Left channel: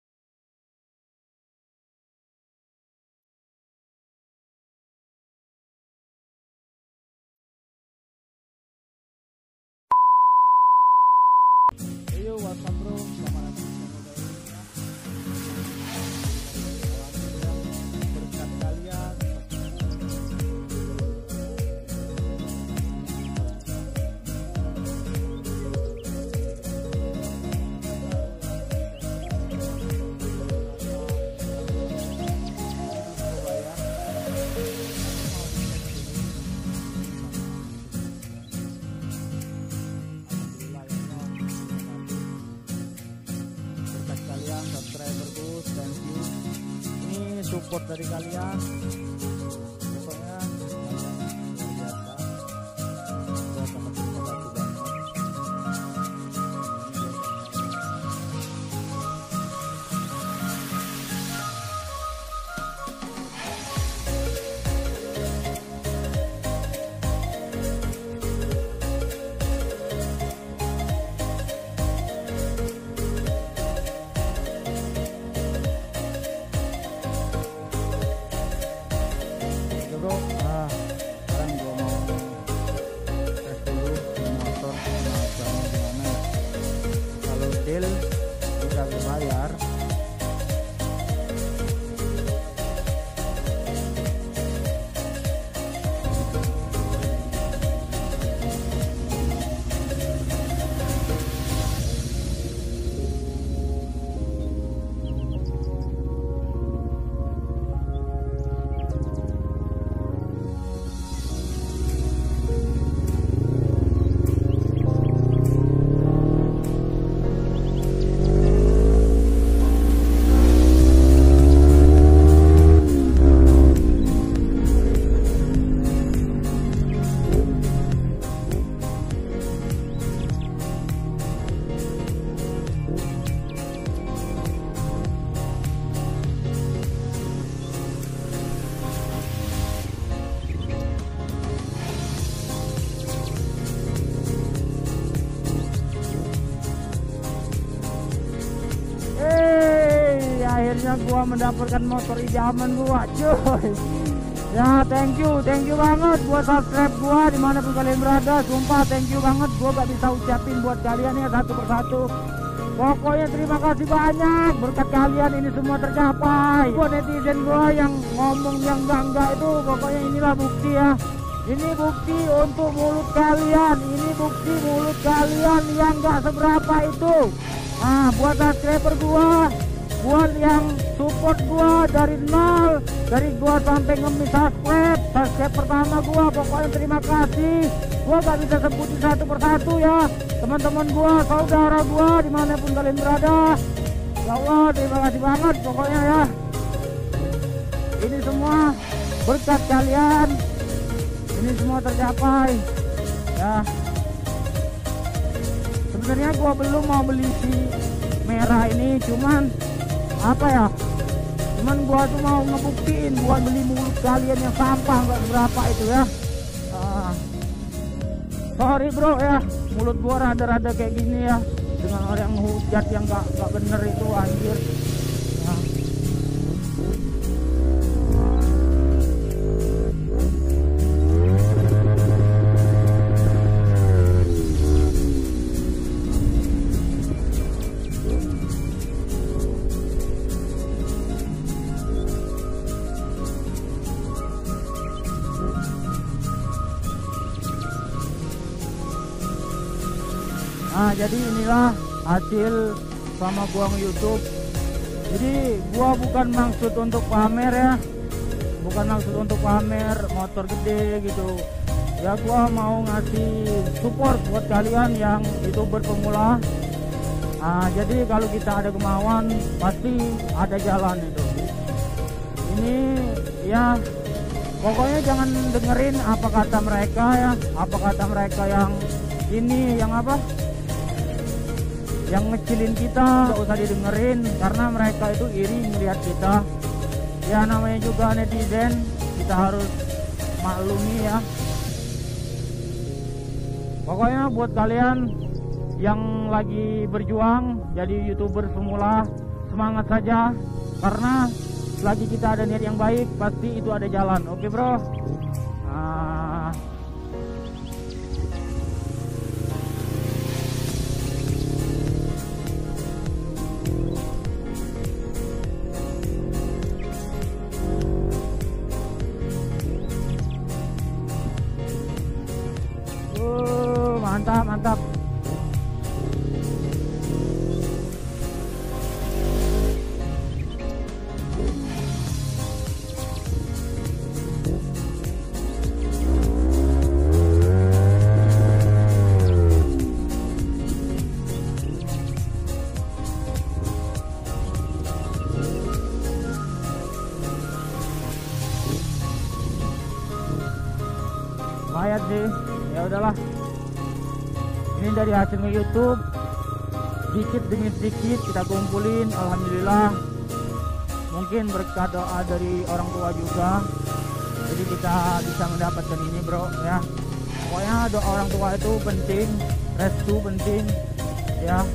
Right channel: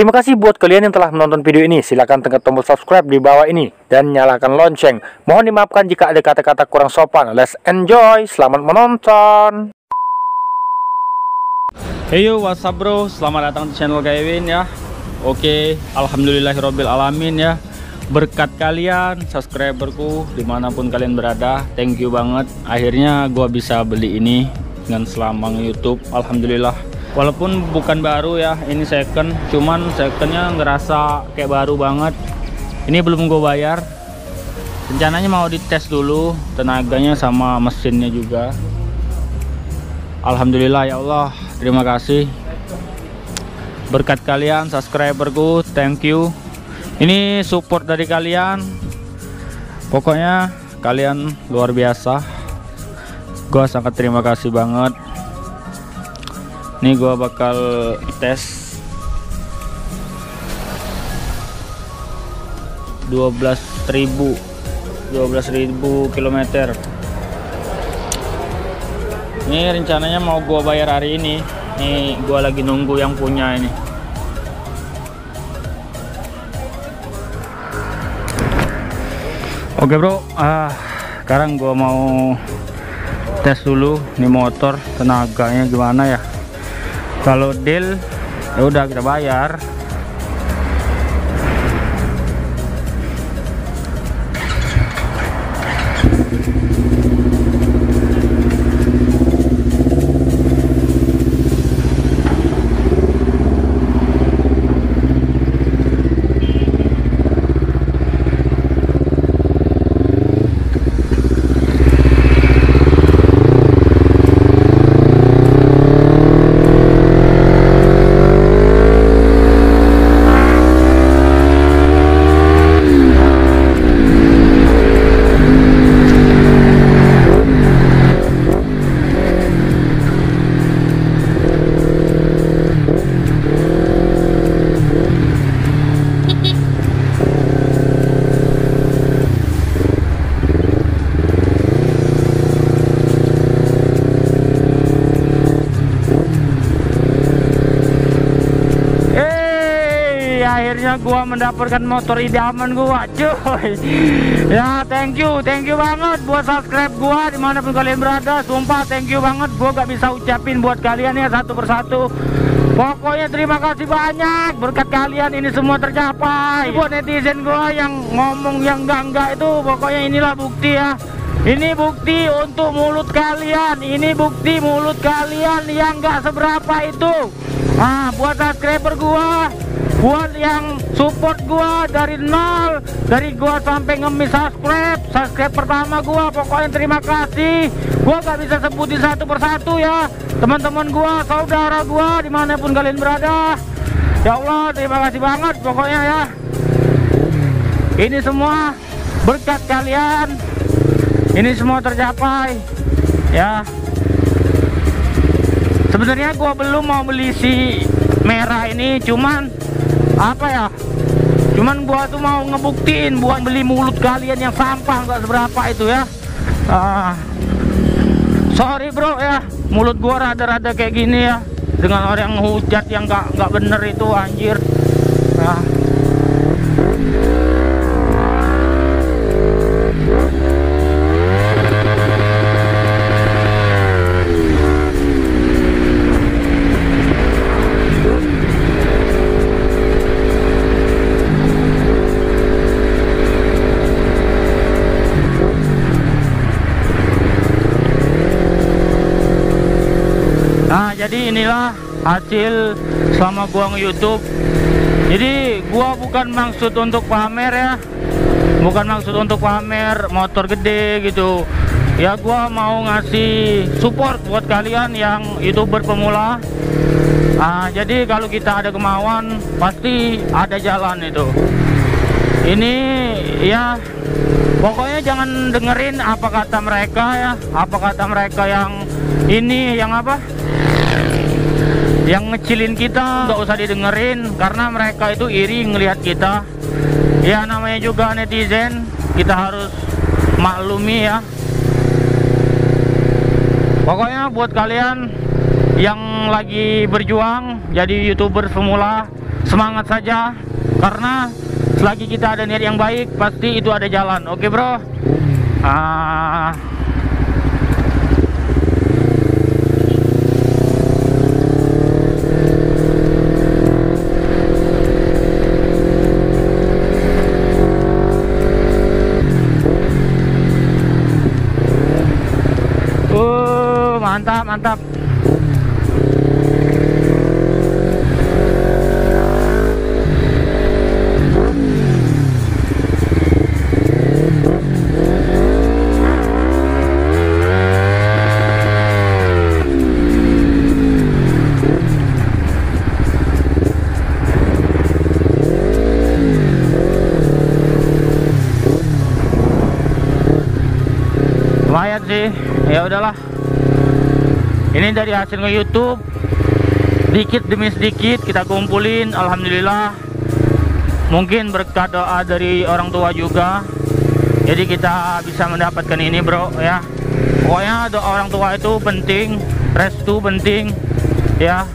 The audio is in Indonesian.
Terima kasih buat kalian yang telah menonton video ini. Silahkan tekan tombol subscribe di bawah ini dan nyalakan lonceng. Mohon dimaafkan jika ada kata-kata kurang sopan. Let's enjoy. Selamat menonton. Hey yo, what's up bro? Selamat datang di channel Kevin ya. Oke, alhamdulillahirobbil alamin ya. Berkat kalian, subscriberku dimanapun kalian berada, thank you banget. Akhirnya gua bisa beli ini dengan selamang YouTube. Alhamdulillah. Walaupun bukan baru ya, ini second, cuman secondnya ngerasa kayak baru banget. Ini belum gue bayar. Rencananya mau dites dulu tenaganya sama mesinnya juga. Alhamdulillah ya Allah, terima kasih. Berkat kalian subscriberku, thank you. Ini support dari kalian. Pokoknya kalian luar biasa. Gue sangat terima kasih banget. Ini gua bakal tes 12.000 km. Ini rencananya mau gua bayar hari ini. Nih gua lagi nunggu yang punya ini. Oke bro, sekarang gua mau tes dulu nih motor, tenaganya gimana ya. Kalau deal ya udah kita bayar. Akhirnya gua mendapatkan motor idaman gua, cuy. Ya thank you banget buat subscribe gua dimanapun kalian berada. Sumpah thank you banget, gua gak bisa ucapin buat kalian ya satu persatu. Pokoknya terima kasih banyak, berkat kalian ini semua tercapai. Buat netizen gua yang ngomong yang enggak itu, pokoknya inilah bukti ya. Ini bukti untuk mulut kalian, ini bukti mulut kalian yang gak seberapa itu. Buat subscriber gua, buat yang support gua dari nol, dari gua sampai ngemis subscribe pertama gua, pokoknya terima kasih. Gua gak bisa sebutin satu persatu ya, teman-teman gua, saudara gua dimanapun kalian berada. Ya Allah, terima kasih banget pokoknya ya. Ini semua berkat kalian, ini semua tercapai ya. Sebenarnya gua belum mau beli si merah ini, cuman apa ya, cuman gua tuh mau ngebuktiin buat beli mulut kalian yang sampah nggak seberapa itu ya. Sorry bro ya, mulut gua rada-rada kayak gini ya, dengan orang hujat yang nggak bener itu, anjir. Jadi inilah hasil selama gua nge-YouTube. Jadi gua bukan maksud untuk pamer ya, bukan maksud untuk pamer motor gede gitu ya. Gua mau ngasih support buat kalian yang YouTuber pemula. Jadi kalau kita ada kemauan pasti ada jalan itu. Ini ya, pokoknya jangan dengerin apa kata mereka ya, apa kata mereka yang ini, yang apa, yang ngecilin kita. Nggak usah didengerin, karena mereka itu iri ngelihat kita ya. Namanya juga netizen, kita harus maklumi ya. Pokoknya buat kalian yang lagi berjuang jadi YouTuber semula, semangat saja, karena selagi kita ada niat yang baik pasti itu ada jalan. Oke bro. Mantap, mantap. Lumayan sih, ya udahlah. Ini dari hasil nge-YouTube, dikit demi sedikit kita kumpulin, alhamdulillah. Mungkin berkat doa dari orang tua juga, jadi kita bisa mendapatkan ini bro ya. Pokoknya doa orang tua itu penting, restu penting ya.